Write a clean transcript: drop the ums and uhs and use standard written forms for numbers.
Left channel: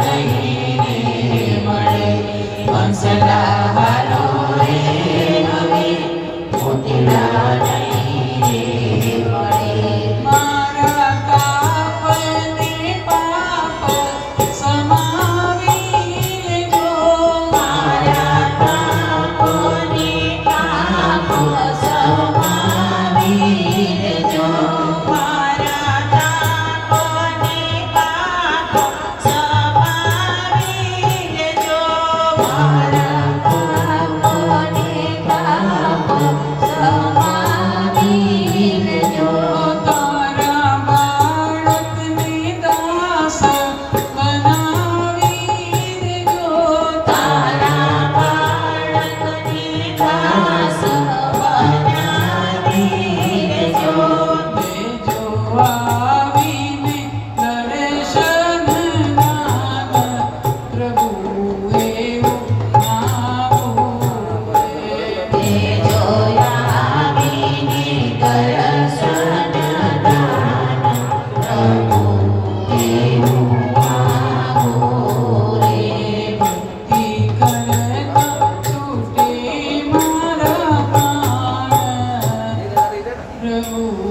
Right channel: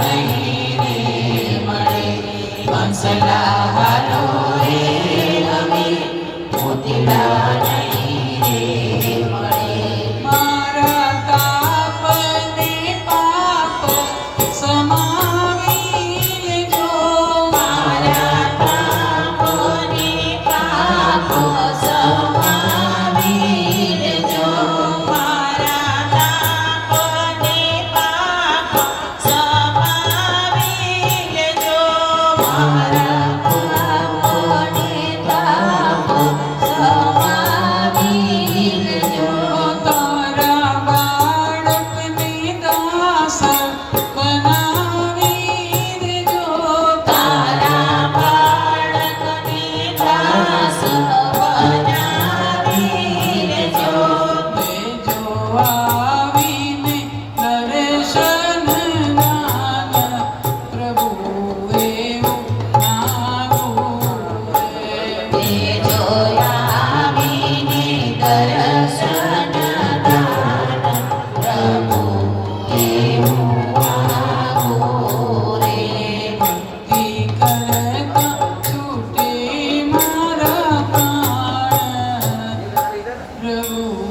નહીં રે મળે બંસલાહારો રે હવે મોતીડા નહીં રે મળે મારા તાપને પાપ સમાવી લેજો મારા તાપને પાપ સમાવી લેજો મારા તાપને પાપ સમાવી લેજો મારા પાપને પાપ સમાવી લેજો તારા બાળકને દાસ બનાવી દેજો તારા બાળકને દાસ બનાવી લેજો લેજો આવીને દર્શન નાના પ્રભુ એવું આવું તેજો આવીને દર્શન દાન પ્રભુ એવું માગો રે ભક્તિ કરતા છૂટે મારા પ્રાણ પ્રભુ